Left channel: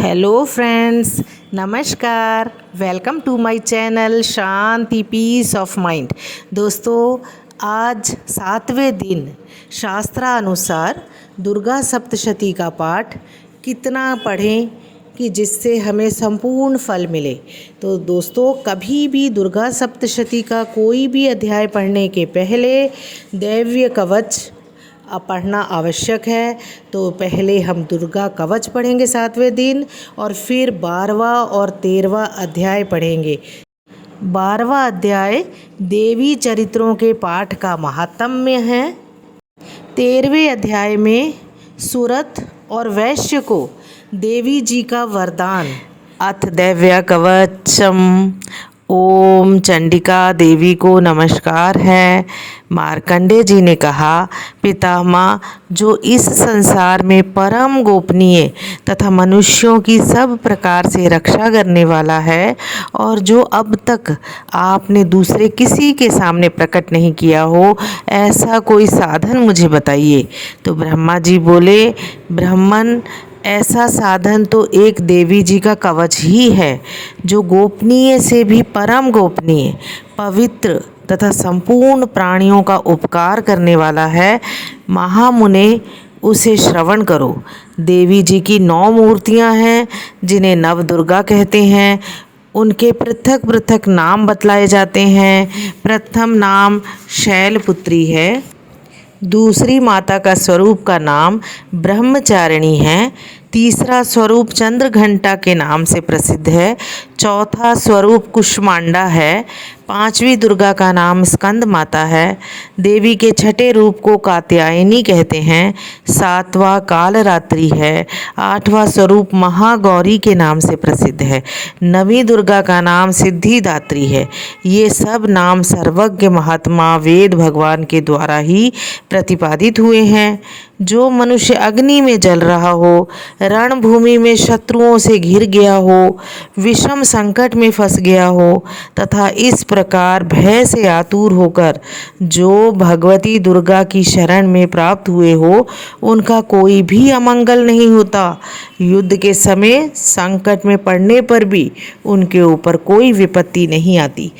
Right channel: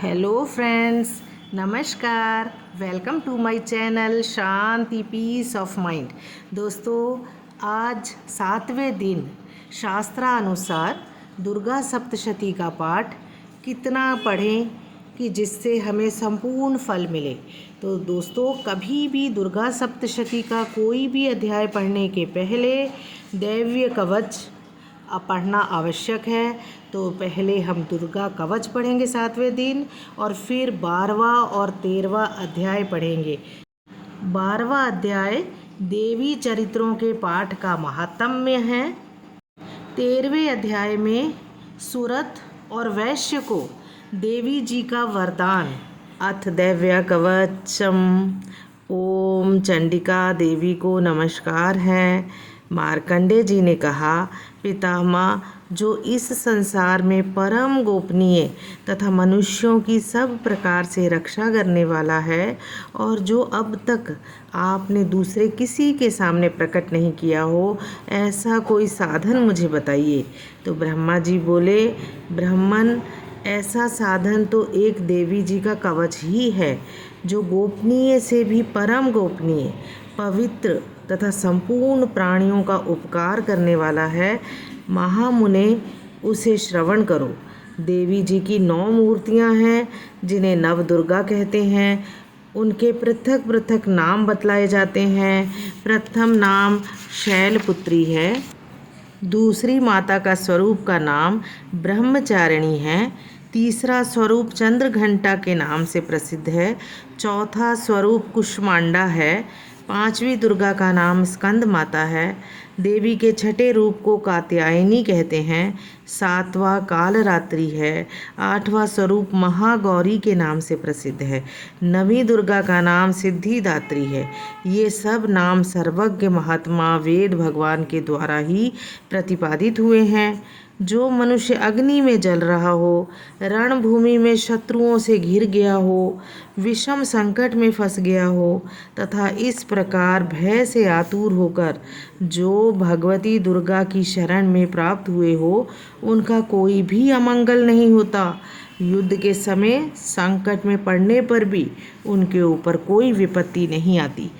Hello friends, नमस्कार। Welcome to my channel Shanti peace of mind. दोस्तों, आज 7वें दिन शास्त्रानुसार दुर्गा सप्तशती का पाठ कितना पढ़ें कि जिससे हमें संपूर्ण फल मिले। तो दोस्तों, कभी भी दुर्गा सप्तशती का कोई भी अध्याय पढ़ने के पहले दैवीय कवच पढ़ना आवश्यक है। तो पहले हम दुर्गा कवच पढ़ेंगे 7वें दिन और फिर 12वां और 13वां अध्याय पढ़ेंगे। 12वां अध्याय देवी चरित्रों के पाठ का महात्म्य है। 13वें अध्याय में सुरथ और वैश्य को देवी जी का वरदान। अथ दैव्य कवचम। ओम चंडिका देवी को नमस्कार है। मार्कंडेय जी ने कहा, पितामह, जो इस संसार में परम गोपनीय तथा मनुष्यों की सब प्रकार से रक्षा करने वाला है और जो अब तक आपने दूसरे किसी के सामने प्रकट नहीं किया हो, ऐसा कोई साधन मुझे बताइए। तो ब्रह्मा जी बोले, ब्राह्मण, ऐसा साधन तो एक देवी जी का कवच ही है, जो गोपनीय से भी परम गोपनीय, पवित्र तथा संपूर्ण प्राणियों का उपकार करने वाला है। महामुने, उसे श्रवण करो। देवी जी की 9 मूर्तियां हैं, जिन्हें नव दुर्गा कहते हैं। उनके पृथक पृथक नाम बतलाए जाते हैं। प्रथम नाम शैलपुत्री है। दूसरी माता का स्वरूप का नाम ब्रह्मचारिणी है। तीसरा स्वरूप चंद्रघंटा के नाम से प्रसिद्ध है। चौथा स्वरूप कुष्मांडा है। 5वीं दुर्गा का नाम स्कंद माता है। देवी के छठे रूप को कात्यायनी कहते हैं। 7वां कालरात्रि है। 8वां स्वरूप महागौरी के नाम से प्रसिद्ध है। 9वीं दुर्गा का नाम सिद्धिदात्री है। ये सब नाम सर्वज्ञ महात्मा वेद भगवान के द्वारा ही प्रतिपादित हुए हैं। जो मनुष्य अग्नि में जल रहा हो, रणभूमि में शत्रुओं से घिर गया हो, विषम संकट में फंस गया हो तथा इस प्रकार भय से आतुर होकर जो भगवती दुर्गा की शरण में प्राप्त हुए हो, उनका कोई भी अमंगल नहीं होता। युद्ध के समय संकट में पड़ने पर भी उनके ऊपर कोई विपत्ति नहीं आती।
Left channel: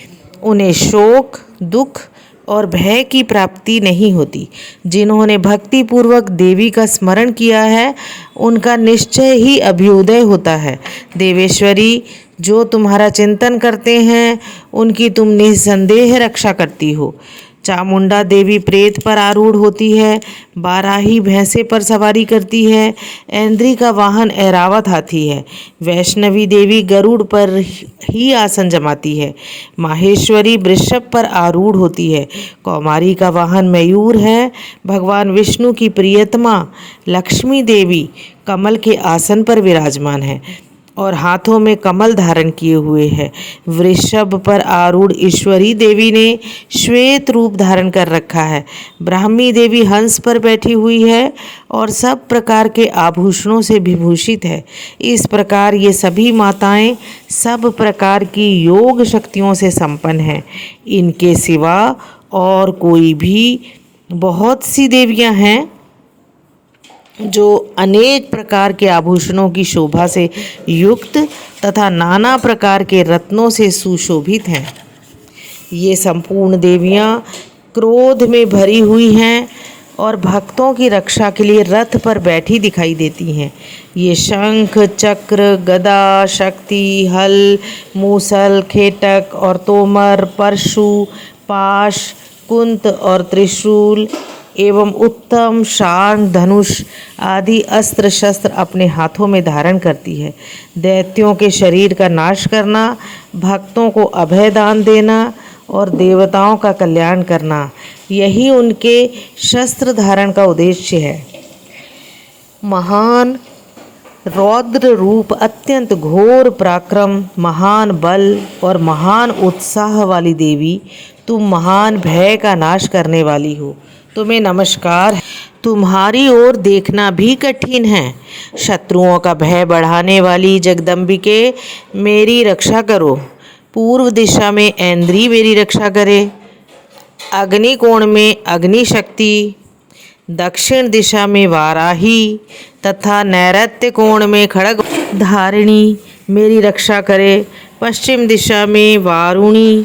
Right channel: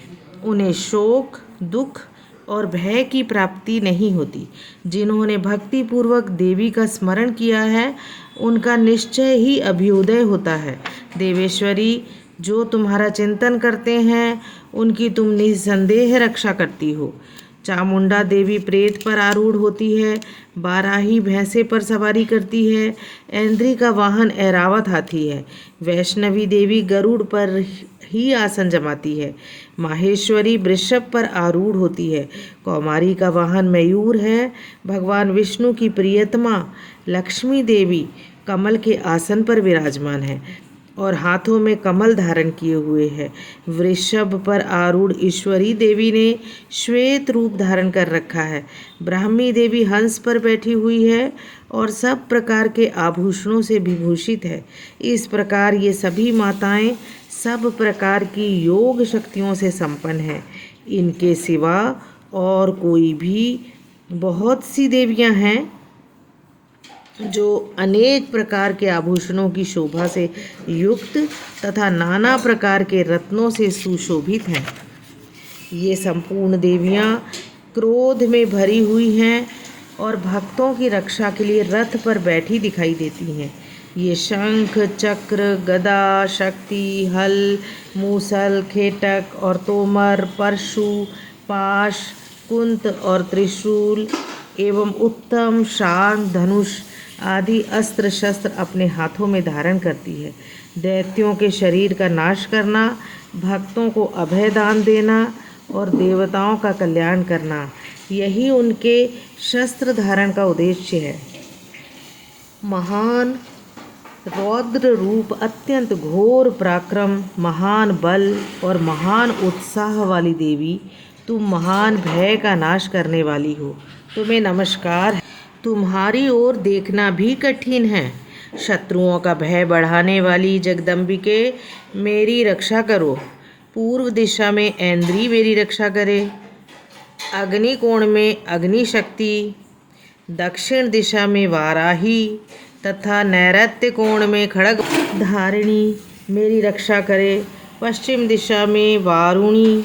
उन्हें शोक, दुख और भय की प्राप्ति नहीं होती। जिन्होंने भक्ति पूर्वक देवी का स्मरण किया है, उनका निश्चय ही अभ्युदय होता है। देवेश्वरी, जो तुम्हारा चिंतन करते हैं, उनकी तुम निसंदेह रक्षा करती हो। चामुंडा देवी प्रेत पर आरूढ़ होती है। बाराही भैंसे पर सवारी करती है। ऐन्द्री का वाहन ऐरावत हाथी है। वैष्णवी देवी गरुड़ पर ही आसन जमाती है। माहेश्वरी वृषभ पर आरूढ़ होती है। कौमारी का वाहन मयूर है। भगवान विष्णु की प्रियतमा लक्ष्मी देवी कमल के आसन पर विराजमान है और हाथों में कमल धारण किए हुए है। वृषभ पर आरूढ़ ईश्वरी देवी ने श्वेत रूप धारण कर रखा है। ब्राह्मी देवी हंस पर बैठी हुई है और सब प्रकार के आभूषणों से विभूषित है। इस प्रकार ये सभी माताएं सब प्रकार की योग शक्तियों से संपन्न हैं। इनके सिवा और कोई भी बहुत सी देवियां हैं जो अनेक प्रकार के आभूषणों की शोभा से युक्त तथा नाना प्रकार के रत्नों से सुशोभित हैं। ये संपूर्ण देवियां क्रोध में भरी हुई हैं और भक्तों की रक्षा के लिए रथ पर बैठी दिखाई देती हैं। ये शंख, चक्र, गदा, शक्ति, हल, मूसल, खेटक और तोमर, परशु, पाश, कुंत और त्रिशूल एवं उत्तम शांग, धनुष आदि अस्त्र शस्त्र अपने हाथों में धारण करती है। दैत्यों के शरीर का नाश करना, भक्तों को अभय दान देना और देवताओं का कल्याण करना, यही उनके शस्त्र धारण का उद्देश्य है। महान रौद्र रूप, अत्यंत घोर पराक्रम, महान बल और महान उत्साह वाली देवी, तुम महान भय का नाश करने वाली हो। तुम्हें नमस्कार। तुम्हारी ओर देखना भी कठिन है। शत्रुओं का भय बढ़ाने वाली जगदम्बिके, मेरी रक्षा करो। पूर्व दिशा में ऐन्द्री मेरी रक्षा करे। अग्निकोण में अग्नि शक्ति, दक्षिण दिशा में वाराही, तथा नैऋत्य कोण में खड़ग धारिणी मेरी रक्षा करे। पश्चिम दिशा में वारुणी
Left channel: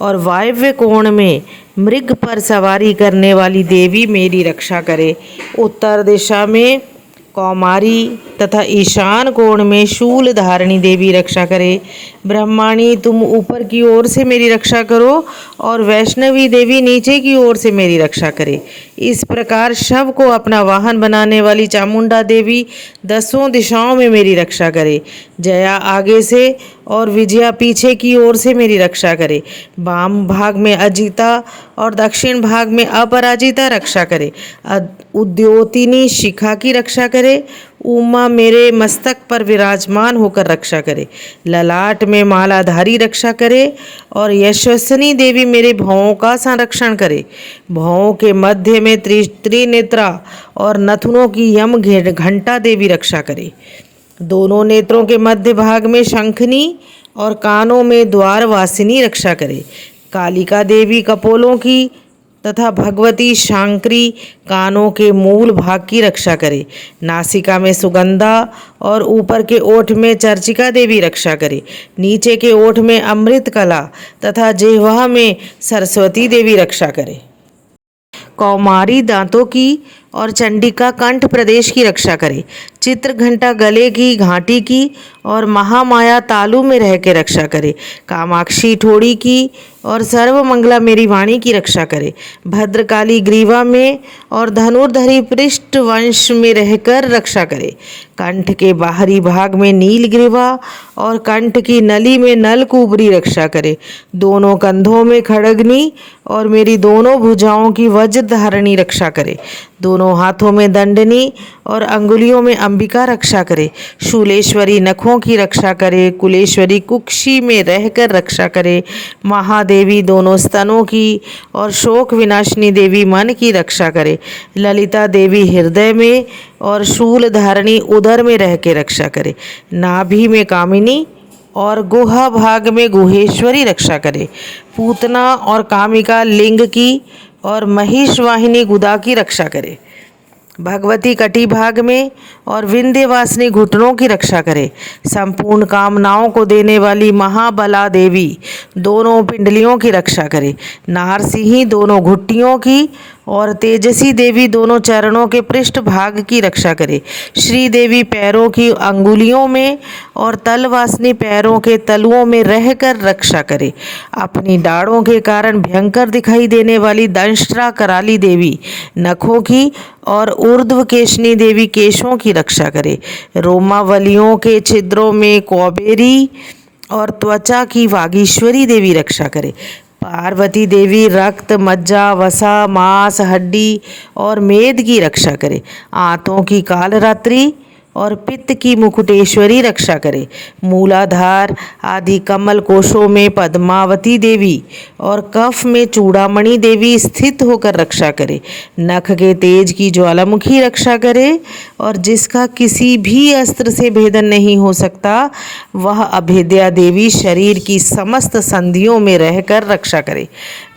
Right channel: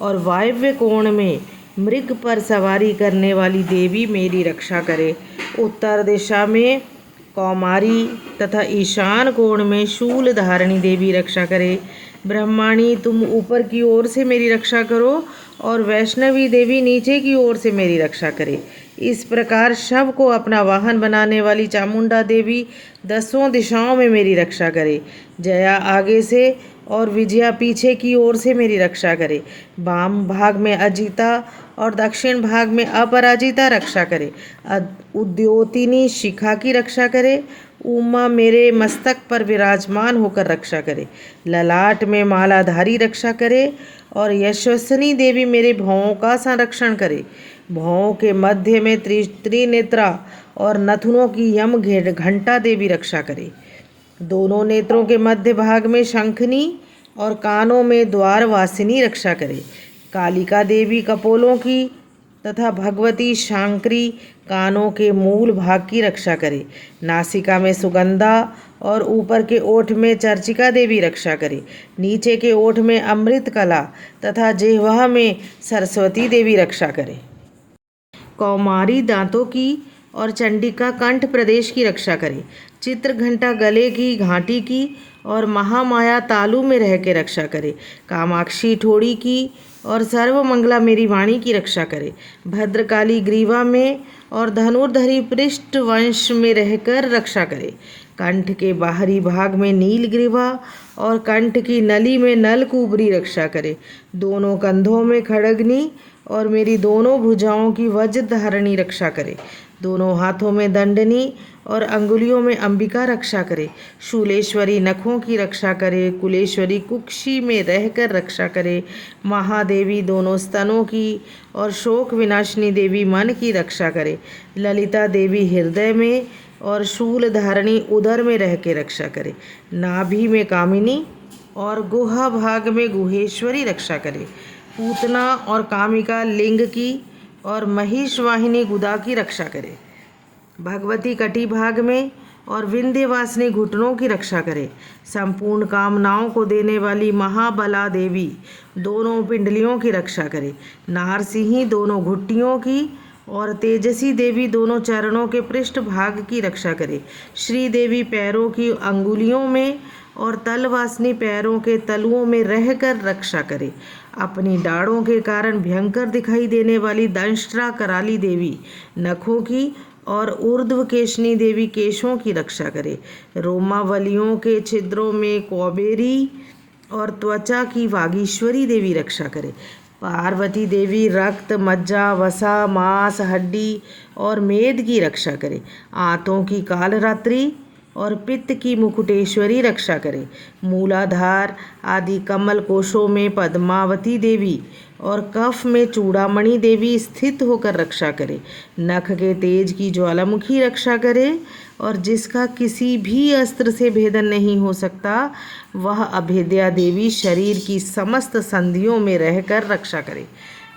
और वायव्य कोण में मृग पर सवारी करने वाली देवी मेरी रक्षा करे। उत्तर दिशा में कौमारी तथा ईशान कोण में शूल धारिणी देवी रक्षा करे। ब्रह्माणी तुम ऊपर की ओर से मेरी रक्षा करो और वैष्णवी देवी नीचे की ओर से मेरी रक्षा करे। इस प्रकार शव को अपना वाहन बनाने वाली चामुंडा देवी दसों दिशाओं में मेरी रक्षा करे। जया आगे से और विजया पीछे की ओर से मेरी रक्षा करे। वाम भाग में अजिता और दक्षिण भाग में अपराजिता रक्षा करे। उद्योतिनी शिखा की रक्षा करे। उमा मेरे मस्तक पर विराजमान होकर रक्षा करे। ललाट में मालाधारी रक्षा करे और यशस्विनी देवी मेरे भौं का संरक्षण करे। भौं के मध्य में त्रिनेत्रा और नथुनों की यम घंटा देवी रक्षा करे। दोनों नेत्रों के मध्य भाग में शंखनी और कानों में द्वारवासिनी रक्षा करे। कालिका देवी कपोलों की तथा भगवती शांकरी कानों के मूल भाग की रक्षा करे। नासिका में सुगंधा और ऊपर के ओठ में चर्चिका देवी रक्षा करे। नीचे के ओठ में अमृत कला तथा जिह्वा में सरस्वती देवी रक्षा करे। कौमारी दांतों की और चंडिका कंठ प्रदेश की रक्षा करे। चित्र घंटा गले की घाटी की और महामाया तालु में रह के रक्षा करे। कामाक्षी ठोड़ी की और सर्वमंगला मेरी वाणी की रक्षा करे। भद्रकाली ग्रीवा में और धनुर्धरी पृष्ठ वंश में रहकर रक्षा करे। कंठ के बाहरी भाग में नील ग्रीवा और कंठ की नली में नलकुबरी रक्षा करे। दोनों कंधों में खड़गनी और मेरी दोनों भुजाओं की वज्र धारणी रक्षा करे। दोनों हाथों में दंडनी और अंगुलियों में अंबिका रक्षा करे। शूलेश्वरी नखों की रक्षा करे। कुलेश्वरी कुक्षी में रहकर रक्षा करे। महादेवी दोनों स्तनों की और शोक विनाशिनी देवी मन की रक्षा करे। ललिता देवी हृदय में और शूल धारणी उदर में रह के रक्षा करे। नाभि में कामिनी और गुहा भाग में गुहेश्वरी रक्षा करे। पूतना और कामिका लिंग की और महिष वाहिनी गुदा की रक्षा करे। भगवती कटी भाग में और विंध्यवासिनी घुटनों की रक्षा करे। संपूर्ण कामनाओं को देने वाली महाबला देवी दोनों पिंडलियों की रक्षा करे। नारसिंही दोनों घुट्टियों की और तेजसी देवी दोनों चरणों के पृष्ठ भाग की रक्षा करे। श्री देवी पैरों की अंगुलियों में और तलवासिनी पैरों के तलुओं में रहकर रक्षा करे। अपनी डाढ़ों के कारण भयंकर दिखाई देने वाली दंष्ट्रा कराली देवी नखों की और ऊर्ध्व केशनी देवी केशों की रक्षा करे। रोमावलियों के छिद्रों में कौबेरी और त्वचा की वागीश्वरी देवी रक्षा करे। पार्वती देवी रक्त मज्जा वसा मांस हड्डी और मेद की रक्षा करे। आंतों की कालरात्रि और पित्त की मुकुटेश्वरी रक्षा करे। मूलाधार आदि कमल कोशों में पद्मावती देवी और कफ में चूड़ामणि देवी स्थित होकर रक्षा करे। नख के तेज की ज्वालामुखी रक्षा करे और जिसका किसी भी अस्त्र से भेदन नहीं हो सकता वह अभेद्या देवी शरीर की समस्त संधियों में रहकर रक्षा करे।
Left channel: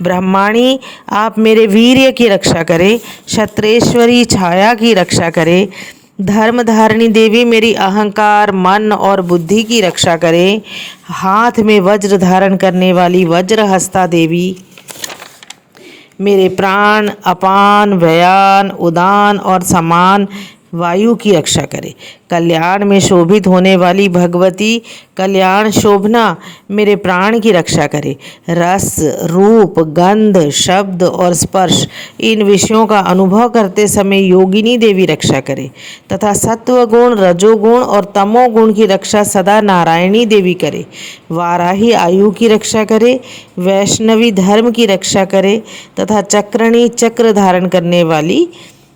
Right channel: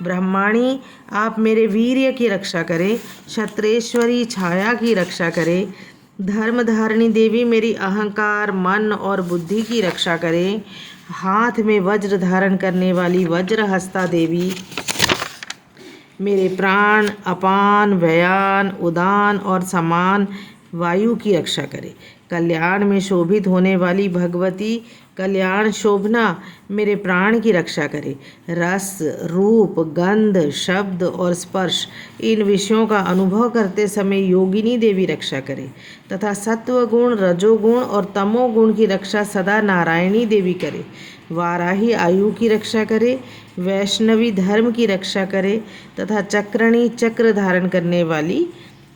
ब्रह्माणी आप मेरे वीर्य की रक्षा करें। क्षत्रेश्वरी छाया की रक्षा करे। धर्मधारिणी देवी मेरी अहंकार मन और बुद्धि की रक्षा करे। हाथ में वज्र धारण करने वाली वज्रहस्ता देवी मेरे प्राण अपान व्ययान उदान और समान वायु की रक्षा करे। कल्याण में शोभित होने वाली भगवती कल्याण शोभना मेरे प्राण की रक्षा करे। रस रूप गंध शब्द और स्पर्श इन विषयों का अनुभव करते समय योगिनी देवी रक्षा करे तथा सत्व गुण रजोगुण और तमोगुण की रक्षा सदा नारायणी देवी करे। वाराही आयु की रक्षा करे। वैष्णवी धर्म की रक्षा करे तथा चक्रणी चक्र धारण करने वाली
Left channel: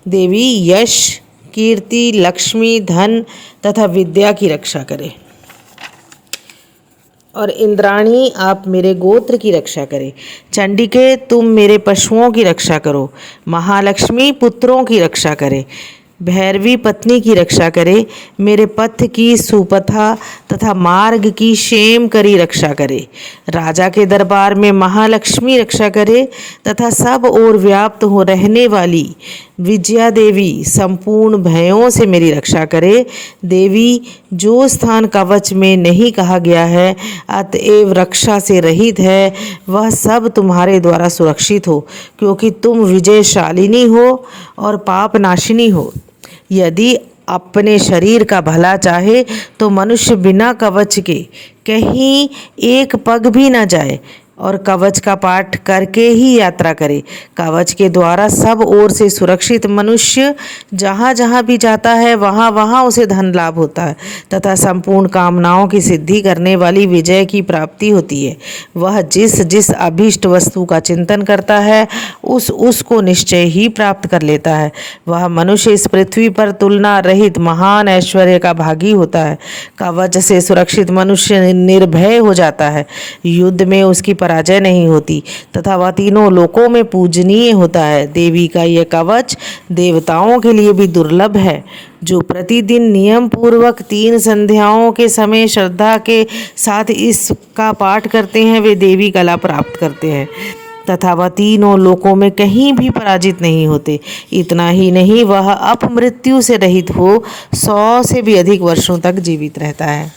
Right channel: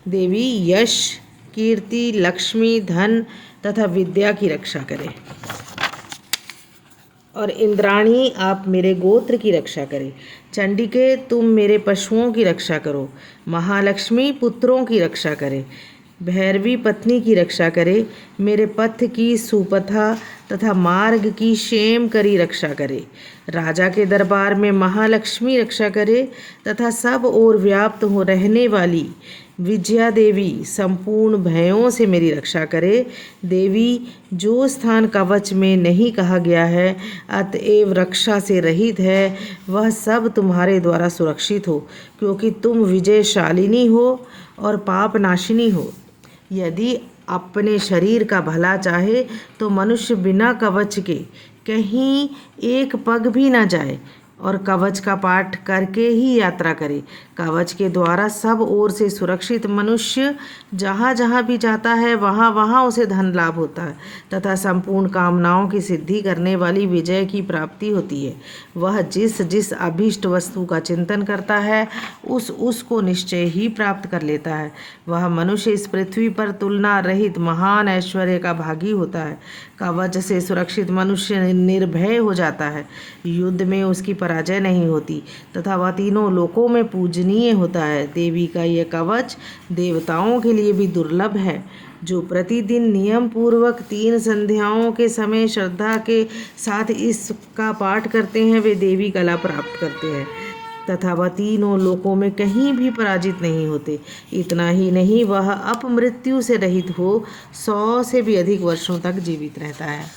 देवी यश कीर्ति लक्ष्मी धन तथा विद्या की रक्षा करें। और इंद्राणी आप मेरे गोत्र की रक्षा करें। चंडिके तुम मेरे पशुओं की रक्षा करो। महालक्ष्मी पुत्रों की रक्षा करे। भैरवी पत्नी की रक्षा करे, मेरे पथ की सुपथा तथा मार्ग की क्षेम करी रक्षा करे। राजा के दरबार में महालक्ष्मी रक्षा करे तथा सब ओर व्याप्त हो रहने वाली विजया देवी संपूर्ण भयों से मेरी रक्षा करे। देवी, जो स्थान कवच में नहीं कहा गया है अतएव रक्षा से रहित है, वह सब तुम्हारे द्वारा सुरक्षित हो, क्योंकि तुम विजयशालिनी हो और पाप नाशिनी हो। यदि अपने शरीर का भला चाहे तो मनुष्य बिना कवच के कहीं एक पग भी न जाए और कवच का पाठ करके ही यात्रा करे। कवच के द्वारा सब ओर से सुरक्षित मनुष्य जहाँ जहाँ भी जाता है वहाँ वहाँ उसे धन लाभ होता है तथा संपूर्ण कामनाओं की सिद्धि करने वाली विजय की प्राप्ति होती है। वह जिस जिस अभीष्ट वस्तु का चिंतन करता है उसको निश्चय ही प्राप्त कर लेता है। वह मनुष्य इस पृथ्वी पर तुलना रहित महान ऐश्वर्य का भागी होता है। कवच से सुरक्षित मनुष्य निर्भय हो जाता है, युद्ध में उसकी पराजय नहीं होती तथा वह तीनों लोकों में पूजनीय होता है। देवी का यह कवच देवताओं के लिए भी दुर्लभ है। जो प्रतिदिन नियम पूर्वक 3 संध्याओं के समय श्रद्धा के साथ इसका पाठ करते हैं वे देवी कला प्राप्त करते हैं तथा वह तीनों लोकों में कहीं भी पराजित नहीं होते। इतना ही नहीं, वह अपमृत्यु से रहित हो 100 से भी अधिक वर्षों तक जीवित रहता है।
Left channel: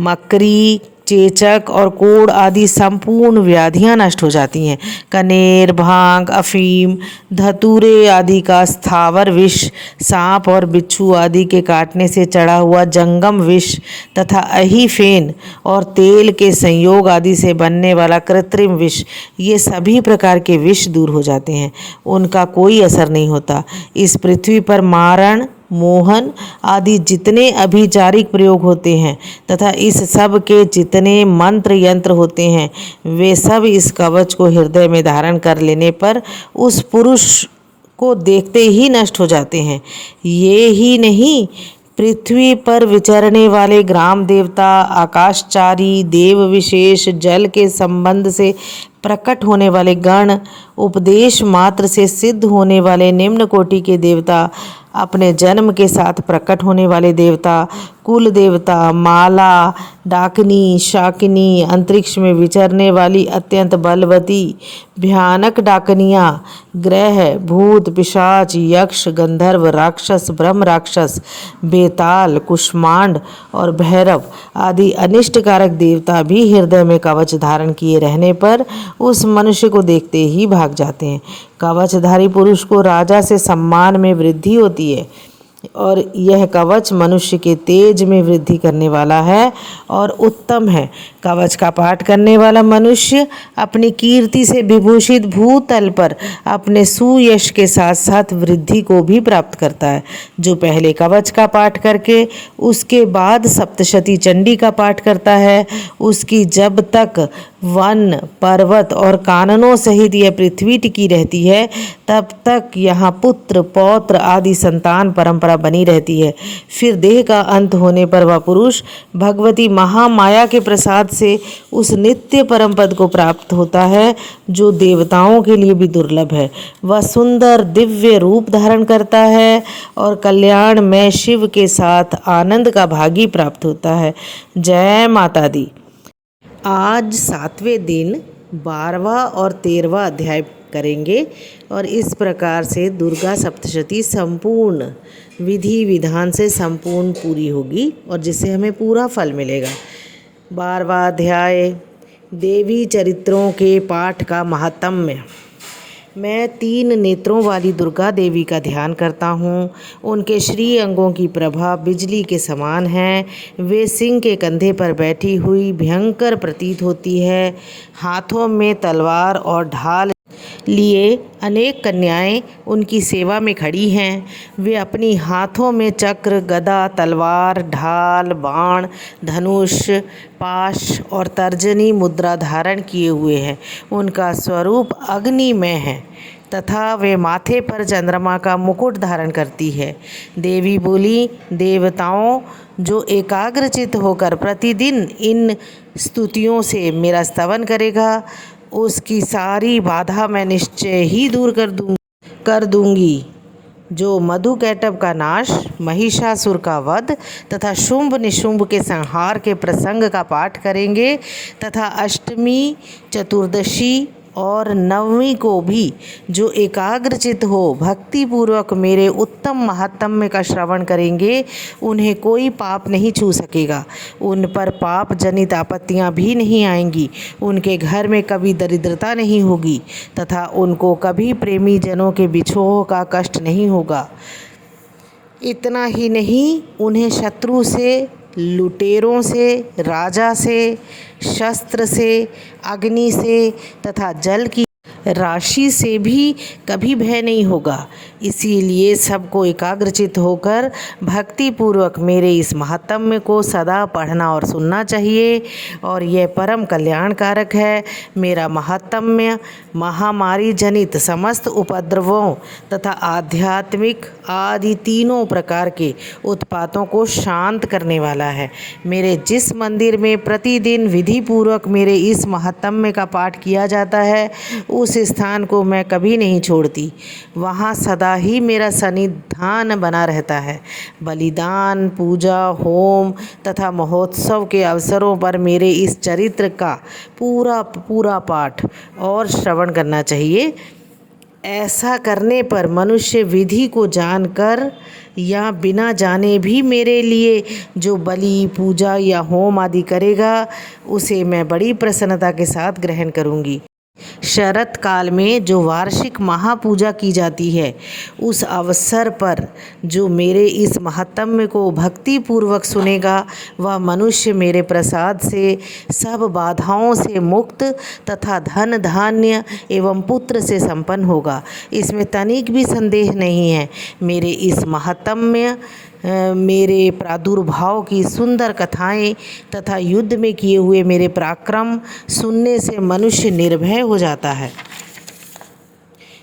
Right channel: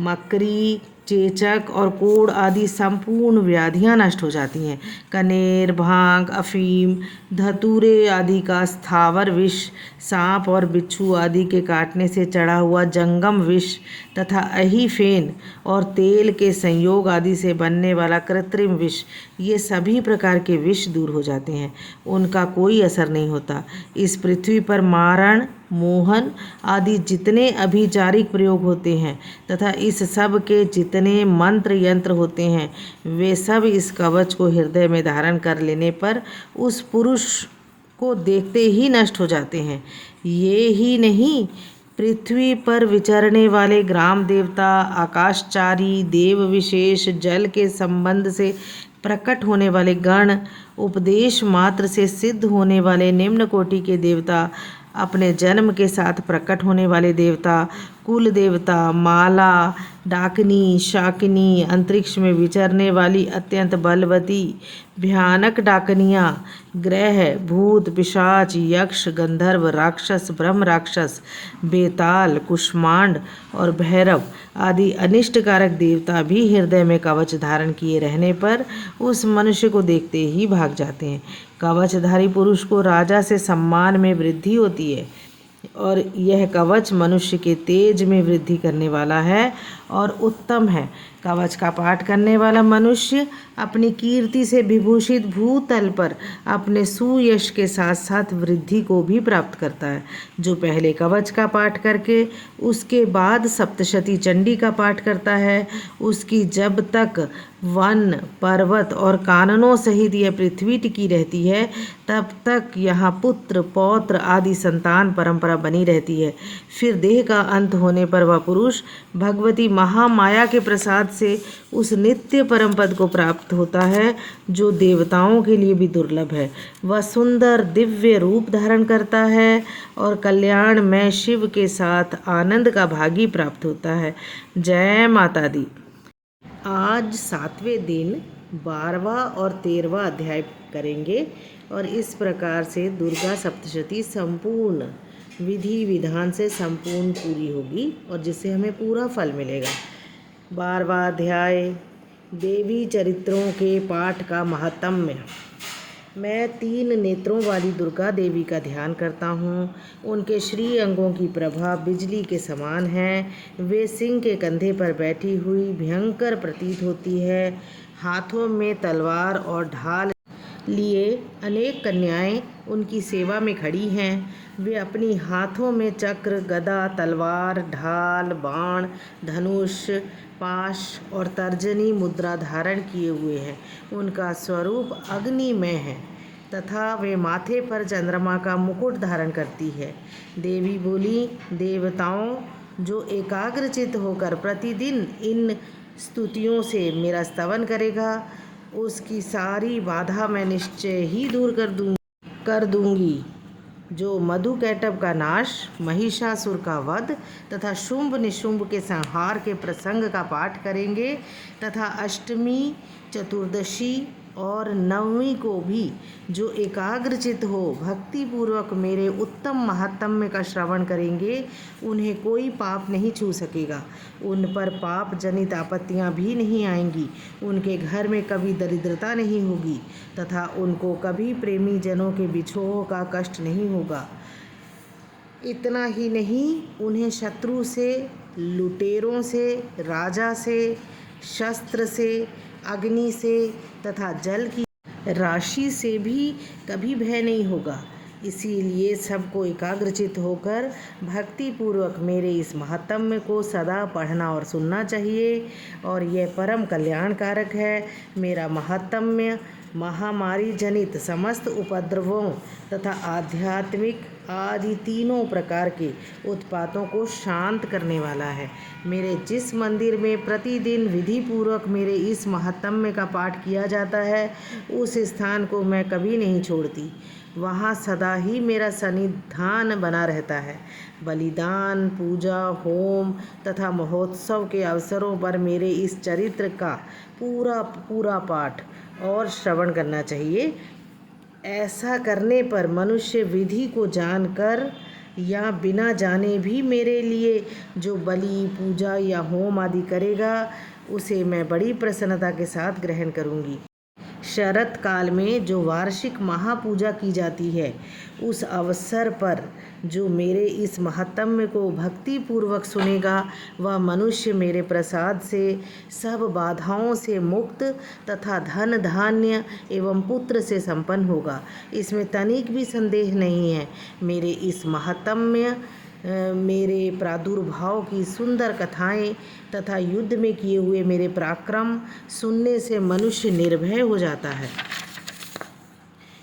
मकरी, चेचक और कोढ़ आदि संपूर्ण व्याधियां नष्ट हो जाती हैं। कनेर, भांग, अफीम, धतूरे आदि का स्थावर विष, सांप और बिच्छू आदि के काटने से चढ़ा हुआ जंगम विष तथा अही, फेन और तेल के संयोग आदि से बनने वाला कृत्रिम विष, ये सभी प्रकार के विष दूर हो जाते हैं, उनका कोई असर नहीं होता। इस पृथ्वी पर मारण, मोहन आदि जितने अभिचारिक प्रयोग होते हैं तथा इस सब के जितने मंत्र यंत्र होते हैं वे सब इस कवच को हृदय में धारण कर लेने पर उस पुरुष को देखते ही नष्ट हो जाते हैं। ये ही नहीं, पृथ्वी पर विचरने वाले ग्राम देवता, आकाशचारी, देव विशेष, जल के संबंध से प्रकट होने वाले गण, उपदेश मात्र से सिद्ध होने वाले निम्न कोटि के देवता, अपने जन्म के साथ प्रकट होने वाले देवता, कुल देवता, माला, डाकिनी, शाकिनी, अंतरिक्ष में विचरने वाली अत्यंत बलवती भयानक डाकनियाँ, ग्रह, भूत, पिशाच, यक्ष, गंधर्व, राक्षस, ब्रह्म राक्षस, बेताल, कुष्मांड और भैरव आदि अनिष्टकारक देवता भी हृदय में कवच धारण किए रहने पर उस मनुष्य को देखते ही भाग जाते हैं। कवचधारी पुरुष को राजा से सम्मान में वृद्धि होती है और यह कवच मनुष्य के तेज में वृद्धि करने वाला है और उत्तम है। कवच का पाठ करने वाला मनुष्य अपनी कीर्ति से विभूषित भूतल पर अपने सुयश के साथ साथ वृद्धि को भी प्राप्त करता है। जो पहले कवच का पाठ करके उसके बाद सप्तशती चंडी का पाठ करता है, उसकी जब तक वन, पर्वत और काननों सहित यह पृथ्वी टिकी रहती है तब तक यहाँ पुत्र, पौत्र आदि संतान परंपरा बनी रहती है। फिर देह का अंत होने पर वह पुरुष भगवती महामाया के प्रसाद से उस नित्य परम पद को प्राप्त होता है जो देवताओं के लिए भी दुर्लभ है। वह सुंदर दिव्य रूप धारण करता है और कल्याण में शिव के साथ आनंद का भागी प्राप्त होता है। जय माता दी। आज 7वें दिन 12वां और 13वां अध्याय करेंगे और इस प्रकार से दुर्गा सप्तशती संपूर्ण विधि विधान से संपूर्ण पूरी होगी और जिससे हमें पूरा फल मिलेगा। 12वां अध्याय, देवी चरित्रों के पाठ का महात्म्य। मैं 3 नेत्रों वाली दुर्गा देवी का ध्यान करता हूँ। उनके श्री अंगों की प्रभा बिजली के समान है। वे सिंह के कंधे पर बैठी हुई भयंकर प्रतीत होती है। हाथों में तलवार और ढाल लिए अनेक कन्याएं उनकी सेवा में खड़ी हैं। वे अपनी हाथों में चक्र, गदा, तलवार, ढाल, बाण, धनुष, पाश और तर्जनी मुद्रा धारण किए हुए हैं। उनका स्वरूप अग्निमय है तथा वे माथे पर चंद्रमा का मुकुट धारण करती है। देवी बोली, देवताओं, जो एकाग्रचित होकर प्रतिदिन इन स्तुतियों से मेरा स्तवन करेगा उसकी सारी बाधा मैं निश्चय ही दूर कर दूंगी। जो मधुकैटभ का नाश, महिषासुर का वध तथा शुंभ निशुंभ के संहार के प्रसंग का पाठ करेंगे तथा अष्टमी, चतुर्दशी और नवमी को भी जो एकाग्रचित हो भक्तिपूर्वक मेरे उत्तम महात्म्य का श्रवण करेंगे, उन्हें कोई पाप नहीं छू सकेगा। उन पर पाप जनित आपत्तियां भी नहीं आएंगी। उनके घर में कभी दरिद्रता नहीं होगी तथा उनको कभी प्रेमी जनों के बिछोह का कष्ट नहीं होगा। इतना ही नहीं, उन्हें शत्रु से, लुटेरों से, राजा से, शस्त्र से, अग्नि से तथा जल की राशि से भी कभी भय नहीं होगा। इसीलिए सबको एकाग्रचित होकर भक्तिपूर्वक मेरे इस महात्म्य को सदा पढ़ना और सुनना चाहिए और यह परम कल्याणकारक है। मेरा महात्म्य महामारी जनित समस्त उपद्रवों तथा आध्यात्मिक आदि तीनों प्रकार के उत्पातों को शांत करने वाला है। मेरे जिस मंदिर में प्रतिदिन विधिपूर्वक मेरे इस महात्म्य का पाठ किया जाता है, उस स्थान को मैं कभी नहीं छोड़ती। वहाँ सदा ही मेरा सन्निधान बना रहता है। बलिदान, पूजा, होम तथा महोत्सव के अवसरों पर मेरे इस चरित्र का पूरा पाठ और श्रवण करना चाहिए। ऐसा करने पर मनुष्य विधि को जानकर या बिना जाने भी मेरे लिए जो बलि, पूजा या होम आदि करेगा, उसे मैं बड़ी प्रसन्नता के साथ ग्रहण करूँगी। शरत काल में जो वार्षिक महापूजा की जाती है, उस अवसर पर जो मेरे इस महात्म्य को भक्तिपूर्वक सुनेगा, वह मनुष्य मेरे प्रसाद से सब बाधाओं से मुक्त तथा धन धान्य एवं पुत्र से संपन्न होगा। इसमें तनिक भी संदेह नहीं है। मेरे इस महात्म्य, मेरे प्रादुर्भाव की सुंदर कथाएं तथा युद्ध में किए हुए मेरे पराक्रम सुनने से मनुष्य निर्भय हो जाता है।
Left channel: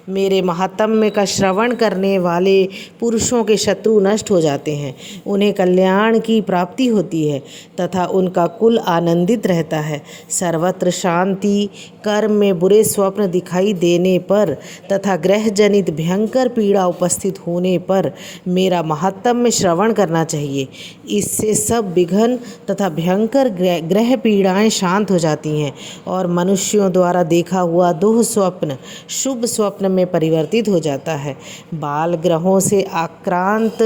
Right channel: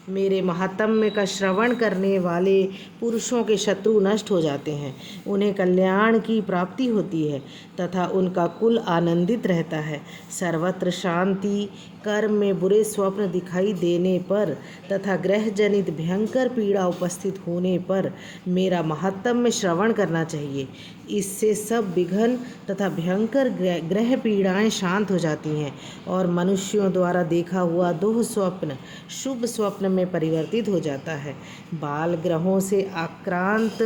मेरे महात्म्य का श्रवण करने वाले पुरुषों के शत्रु नष्ट हो जाते हैं, उन्हें कल्याण की प्राप्ति होती है तथा उनका कुल आनंदित रहता है। सर्वत्र शांति, कर्म में बुरे स्वप्न दिखाई देने पर तथा ग्रह जनित भयंकर पीड़ा उपस्थित होने पर मेरा महात्म्य श्रवण करना चाहिए। इससे सब विघ्न तथा भयंकर ग्रह पीड़ाएं शांत हो जाती हैं और मनुष्यों द्वारा देखा हुआ दुःस्वप्न शुभ स्वप्न में परिवर्तित हो जाता है। बाल ग्रहों से आक्रांत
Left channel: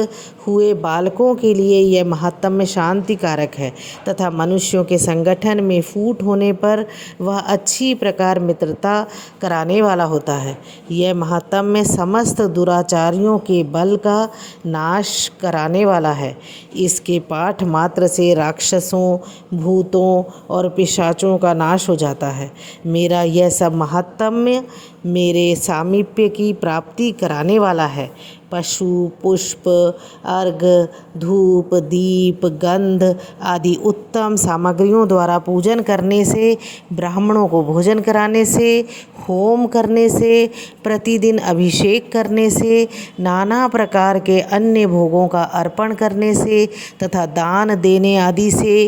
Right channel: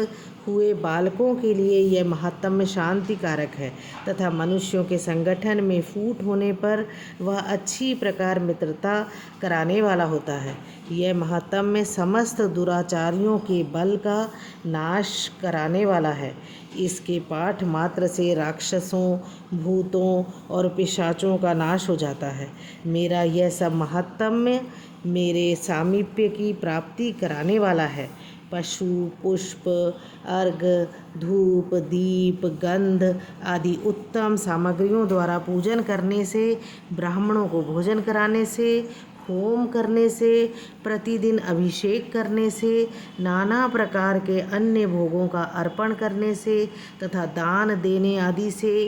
हुए बालकों के लिए यह महात्म्य शांति कारक है तथा मनुष्यों के संगठन में फूट होने पर वह अच्छी प्रकार मित्रता कराने वाला होता है। यह महात्म्य समस्त दुराचारियों के बल का नाश कराने वाला है। इसके पाठ मात्र से राक्षसों, भूतों और पिशाचों का नाश हो जाता है। मेरा यह सब महात्म्य मेरे सामीप्य की प्राप्ति कराने वाला है। पशु, पुष्प, अर्घ, धूप, दीप, गंध आदि उत्तम सामग्रियों द्वारा पूजन करने से, ब्राह्मणों को भोजन कराने से, होम करने से, प्रतिदिन अभिषेक करने से, नाना प्रकार के अन्य भोगों का अर्पण करने से तथा दान देने आदि से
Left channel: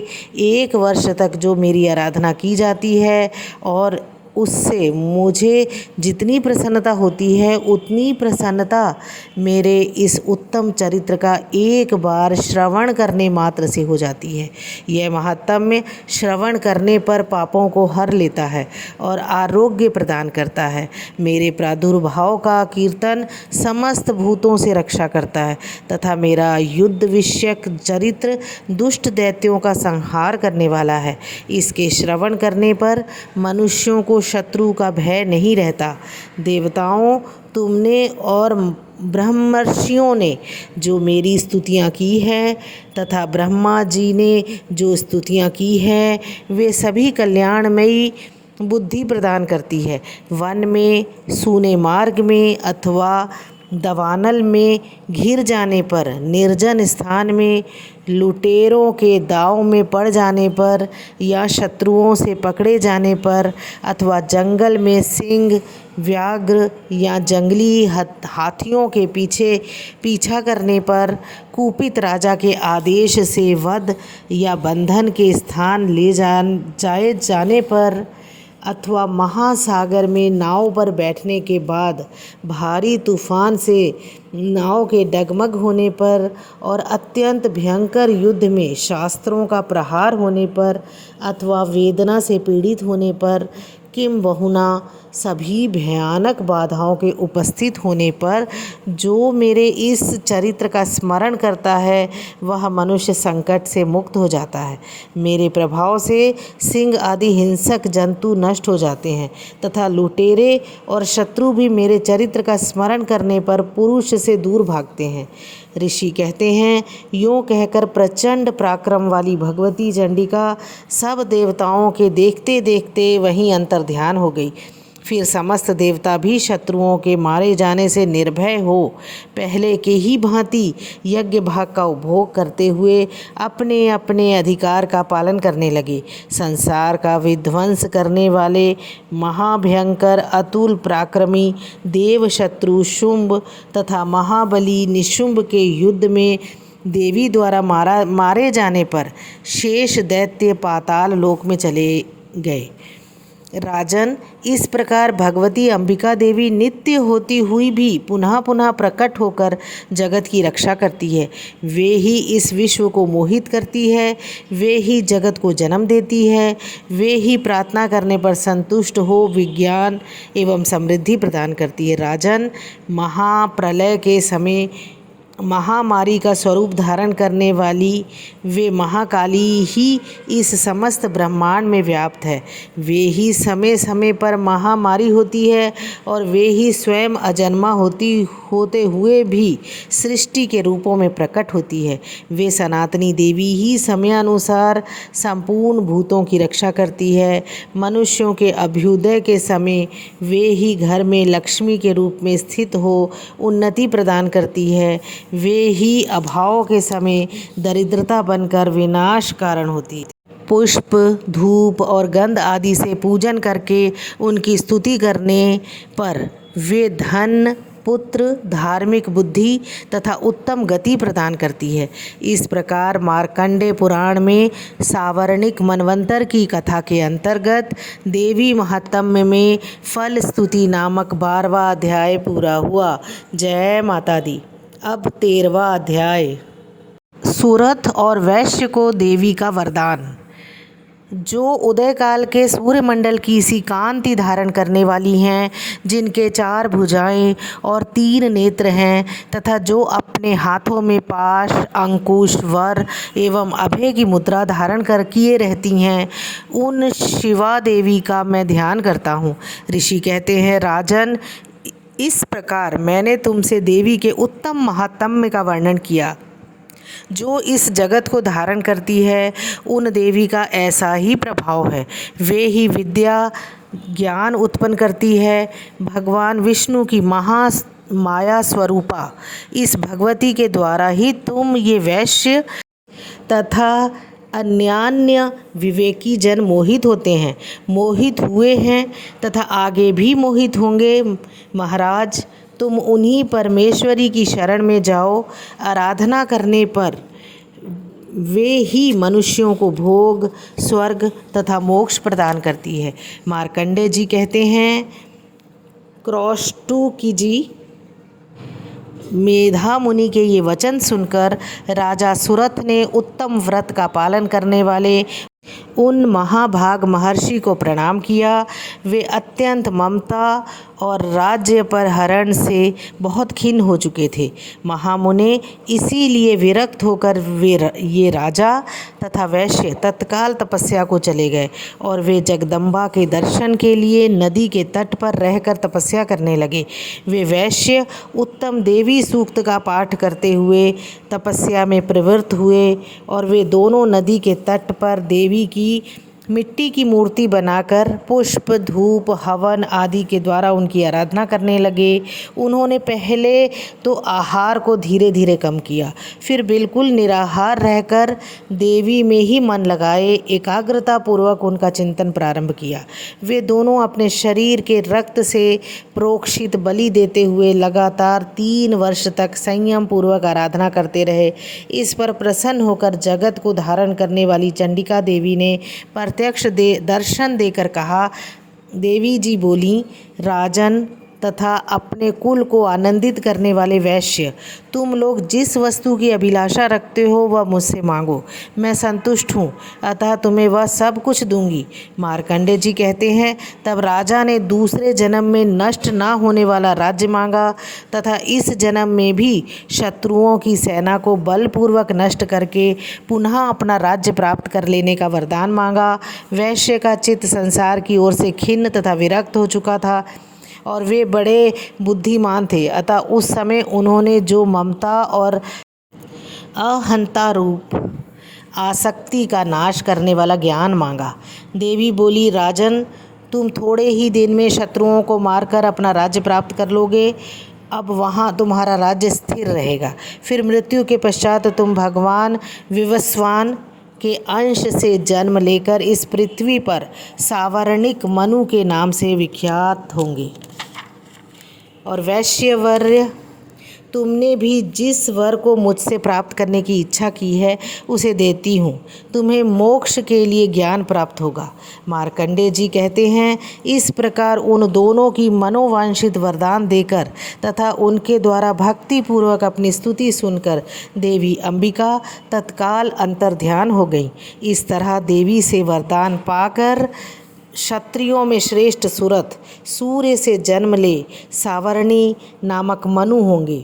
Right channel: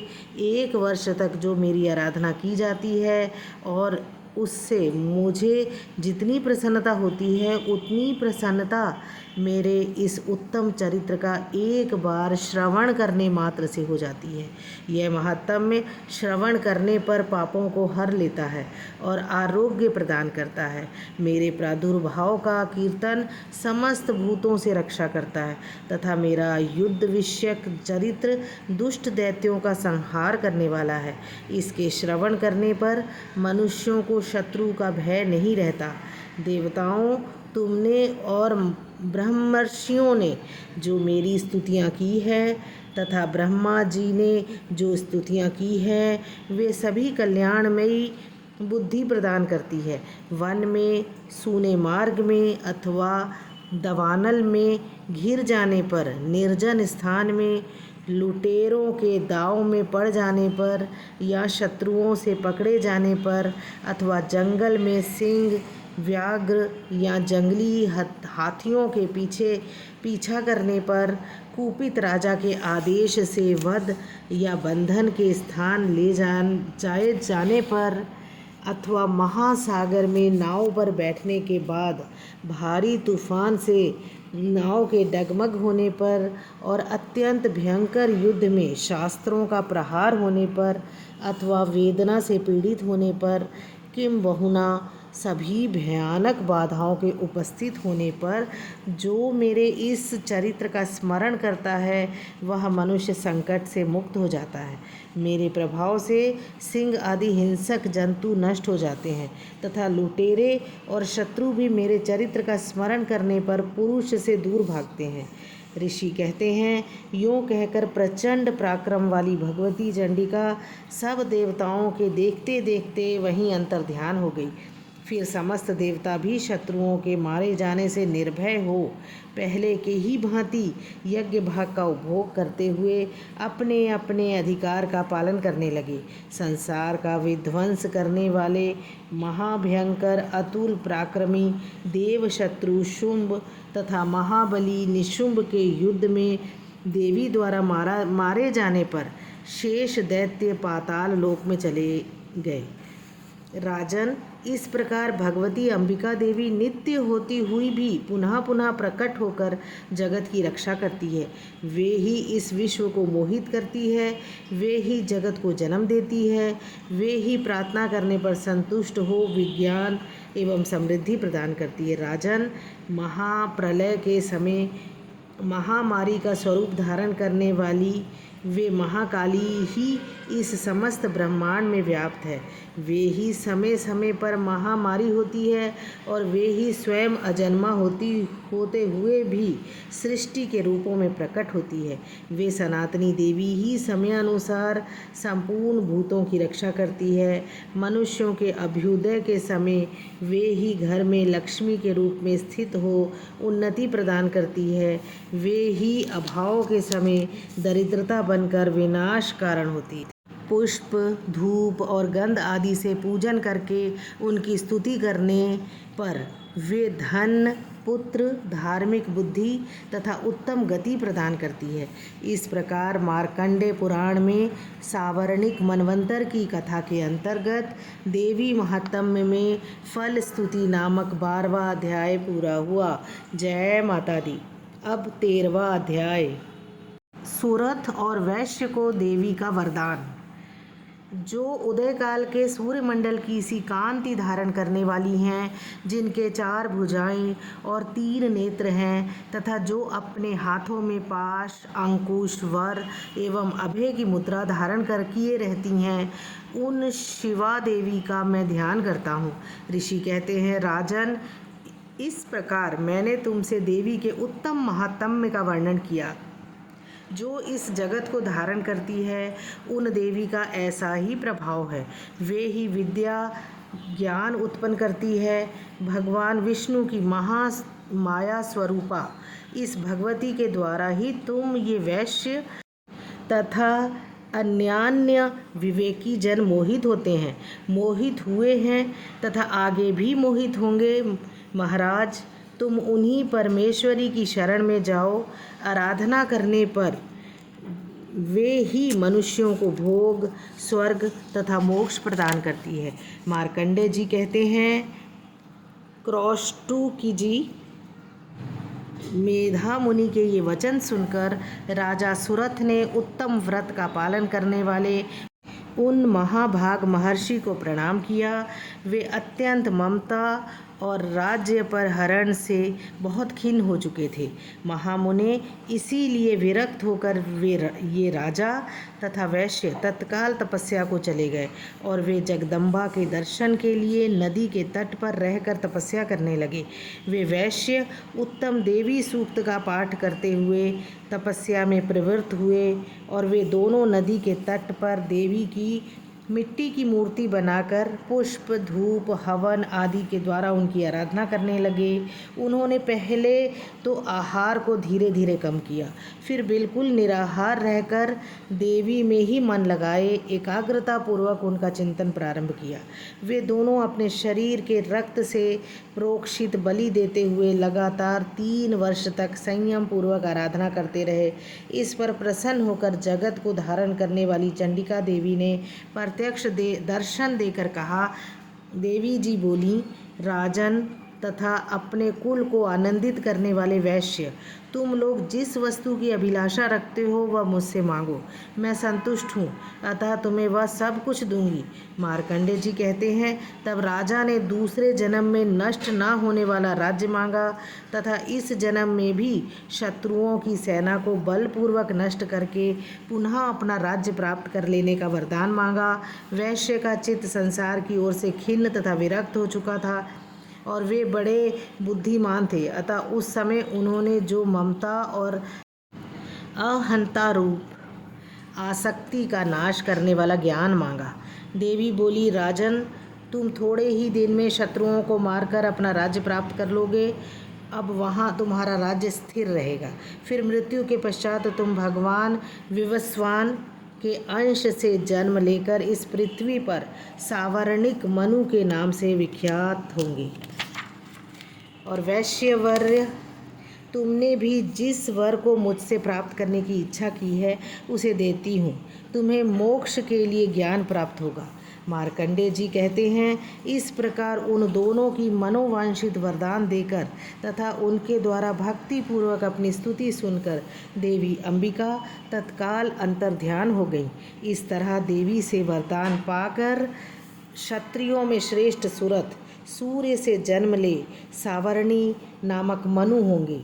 1 वर्ष तक जो मेरी आराधना की जाती है और उससे मुझे जितनी प्रसन्नता होती है, उतनी प्रसन्नता मेरे इस उत्तम चरित्र का एक बार श्रवण करने मात्र से हो जाती है। यह महात्म्य श्रवण करने पर पापों को हर लेता है और आरोग्य प्रदान करता है। मेरे प्रादुर्भाव का कीर्तन समस्त भूतों से रक्षा करता है तथा मेरा युद्ध विषयक चरित्र दुष्ट दैत्यों का संहार करने वाला है। इसके श्रवण करने पर मनुष्यों को शत्रु का भय नहीं रहता। देवताओं, तुमने और ब्रह्मर्षियों ने जो मेरी स्तुतियाँ की हैं तथा ब्रह्मा जी ने जो स्तुतियाँ की हैं, वे सभी कल्याणमयी बुद्धि प्रदान करती है। वन में, सूने मार्ग में अथवा दवानल में घिर जाने पर, निर्जन स्थान में, लुटेरों के दांव में पड़ जाने पर या शत्रुओं से पकड़े जाने पर अथवा जंगल में सिंह, व्याघ्र या जंगली हाथियों के पीछा करने पर, कुपित राजा के आदेश से वध या बंधन के स्थान ले जाए जाने पर, अथवा महासागर में नाव पर बैठने के बाद भारी तूफान से नाव के डगमग होने पर और अत्यंत भयंकर युद्ध में शास्त्रों का प्रहार होने पर अथवा वेदना से पीड़ित होने पर किम बहुना सभी भयानक बाधाओं के उपस्थित होने पर जो मेरे इस चरित्र का स्मरण करता है वह मनुष्य संकट से मुक्त हो जाता है। मेरे प्रभाव से सिंह आदि हिंसक जंतु नष्ट हो जाते हैं तथा लुटेरे और शत्रु भी मेरे चरित्र का स्मरण करने पर पुरुष से दूर भागते हैं। ऋषि कहते हैं, यूँ कहकर प्रचंड पराक्रम वाली भगवती चंडिका सब देवताओं के देखते देखते वहीं अंतर्ध्यान हो गई। फिर समस्त देवता भी शत्रुओं के मारे जाने से निर्भय हो पहले के ही भांति यज्ञ भाग का उपभोग करते हुए अपने अपने अधिकार का पालन करने लगे। संसार का विध्वंस करने वाले महाभयंकर अतुल पराक्रमी देव शत्रु शुंभ तथा महाबली निशुंभ के युद्ध में देवी द्वारा मारे जाने पर शेष दैत्य पाताल लोक में चले गए। राजन, इस प्रकार भगवती अंबिका देवी नित्य होती हुई भी पुनः पुनः प्रकट होकर जगत की रक्षा करती है। वे ही इस विश्व को मोहित करती है, वे ही जगत को जन्म देती है, वे ही प्रार्थना करने पर संतुष्ट हो विज्ञान एवं समृद्धि प्रदान करती है। राजन, महाप्रलय के समय महामारी का स्वरूप धारण करने वाली वे महाकाली ही इस समस्त ब्रह्मांड में व्याप्त है। वे ही समय समय पर महामारी होती है और वे ही स्वयं अजन्मा होते हुए भी सृष्टि के रूपों में प्रकट होती है। वे सनातनी देवी ही समयानुसार संपूर्ण भूतों की रक्षा करती है। मनुष्यों के अभ्युदय के समय वे ही घर में लक्ष्मी के रूप में स्थित हो उन्नति प्रदान करती है। वे ही अभाव के समय दरिद्रता बनकर विनाश कारण होती है। पुष्प, धूप और गंध आदि से पूजन करके उनकी स्तुति करने पर वे धन, पुत्र, धार्मिक बुद्धि तथा उत्तम गति प्रदान करती है। इस प्रकार मार्कंडेय पुराण में सावर्णिक मनवंतर की कथा के अंतर्गत देवी महात्म्य में फल स्तुति नामक 12वां अध्याय पूरा हुआ। जय माता दी। अब 13वां अध्याय, सुरथ और वैश्य को देवी का वरदान। जो उदय काल के सूर्यमंडल की सी कांति धारण करने वाली हैं, जिनके 4 भुजाएं और 3 नेत्र हैं तथा जो अपने हाथों में पाश, अंकुश, वर एवं अभय की मुद्रा धारण कर किए रहती हैं, उन शिवा देवी का मैं ध्यान करता हूँ। ऋषि कहते हैं, राजन, इस प्रकार मैंने तुमसे देवी के उत्तम महात्म्य का वर्णन किया। जो इस जगत को धारण करती है उन देवी का ऐसा ही प्रभाव है। वे ही विद्या ज्ञान उत्पन्न करती है। भगवान विष्णु की माया स्वरूपा इस भगवती के द्वारा ही तुम ये वैश्य तथा अन्यान्य विवेकी जन मोहित होते हैं, मोहित हुए हैं तथा आगे भी मोहित होंगे। महाराज, तुम उन्हीं परमेश्वरी की शरण में जाओ। आराधना करने पर वे ही मनुष्यों को भोग, स्वर्ग तथा मोक्ष प्रदान करती है। मार्कंडेय जी कहते हैं, क्रौष्टुकी जी, मेधा मुनि के ये वचन सुनकर राजा सुरथ ने उत्तम व्रत का पालन करने वाले उन महाभाग महर्षि को प्रणाम किया। वे अत्यंत ममता और राज्य पर हरण से बहुत खिन्न हो चुके थे। महामुने इसीलिए विरक्त होकर ये राजा तथा वैश्य तत्काल तपस्या को चले गए और वे जगदम्बा के दर्शन के लिए नदी के तट पर रहकर तपस्या करने लगे। वे वैश्य उत्तम देवी सूक्त का पाठ करते हुए तपस्या में प्रवृत्त हुए और वे दोनों नदी के तट पर देवी की मिट्टी की मूर्ति बनाकर पुष्प, धूप, हवन आदि के द्वारा उनकी आराधना करने लगे। उन्होंने पहले तो आहार को धीरे धीरे कम किया, फिर बिल्कुल निराहार रहकर देवी में ही मन लगाए एकाग्रता पूर्वक उनका चिंतन प्रारंभ किया। वे दोनों अपने शरीर के रक्त से प्रोक्षित बलि देते हुए लगातार 3 वर्ष तक संयम पूर्वक आराधना करते रहे। इस पर प्रसन्न होकर जगत को धारण करने वाली चंडिका देवी ने प्रत्यक्ष दर्शन देकर कहा, देवी जी बोली, राजन तथा अपने कुल को आनंदित करने वाले वैश्य, तुम लोग जिस वस्तु की अभिलाषा रखते हो वह मुझसे मांगो, मैं संतुष्ट हूँ, अतः तुम्हें वह सब कुछ दूंगी। मार्कंडेय जी कहते हैं, तब राजा ने दूसरे जन्म में नष्ट ना होने वाला राज्य मांगा तथा इस जन्म में भी शत्रुओं की सेना को बलपूर्वक नष्ट करके पुनः अपना राज्य प्राप्त कर लेने का वरदान मांगा। वैश्य का चित्त संसार की ओर से खिन्न तथा विरक्त हो चुका था और वे बड़े बुद्धिमान थे, अतः उस समय उन्होंने जो ममता और अहंता रूप आसक्ति का नाश करने वाला ज्ञान मांगा। देवी बोली, राजन, तुम थोड़े ही दिन में शत्रुओं को मारकर अपना राज्य प्राप्त कर लोगे। अब वहाँ तुम्हारा राज्य स्थिर रहेगा। फिर मृत्यु के पश्चात तुम भगवान विवस्वान के अंश से जन्म लेकर इस पृथ्वी पर सावर्णिक मनु के नाम से विख्यात होंगे। और वैश्यवर्य, तुमने भी जिस वर को मुझसे प्राप्त करने की इच्छा की है उसे देती हूँ। तुम्हें मोक्ष के लिए ज्ञान प्राप्त होगा। मार्कंडेय जी कहते हैं, इस प्रकार उन दोनों की मनोवांछित वरदान देकर तथा उनके द्वारा भक्तिपूर्वक अपनी स्तुति सुनकर देवी अंबिका तत्काल अंतर्ध्यान हो गई। इस तरह देवी से वरदान पाकर क्षत्रियों में श्रेष्ठ सुरथ सूर्य से जन्म ले सावर्णी नामक मनु होंगे।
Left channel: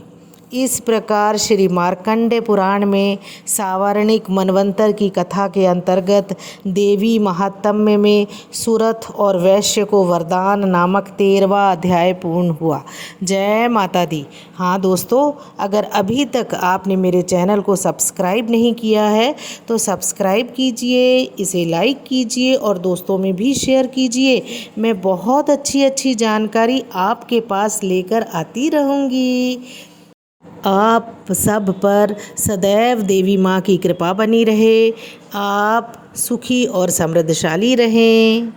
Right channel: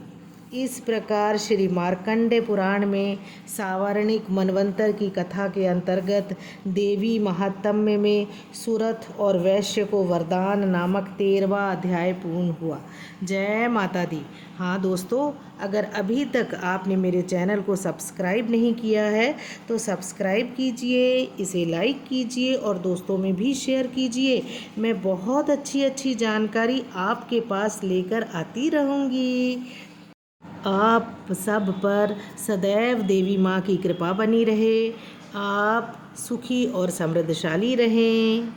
इस प्रकार श्री मार्कंडेय पुराण में सावर्णिक मनवंतर की कथा के अंतर्गत देवी महात्म्य में सुरथ और वैश्य को वरदान नामक 13वां अध्याय पूर्ण हुआ। जय माता दी। हाँ दोस्तों, अगर अभी तक आपने मेरे चैनल को सब्सक्राइब नहीं किया है तो सब्सक्राइब कीजिए, इसे लाइक कीजिए और दोस्तों में भी शेयर कीजिए। मैं बहुत अच्छी जानकारी आपके पास लेकर आती रहूँगी। आप सब पर सदैव देवी माँ की कृपा बनी रहे। आप सुखी और समृद्धशाली रहें।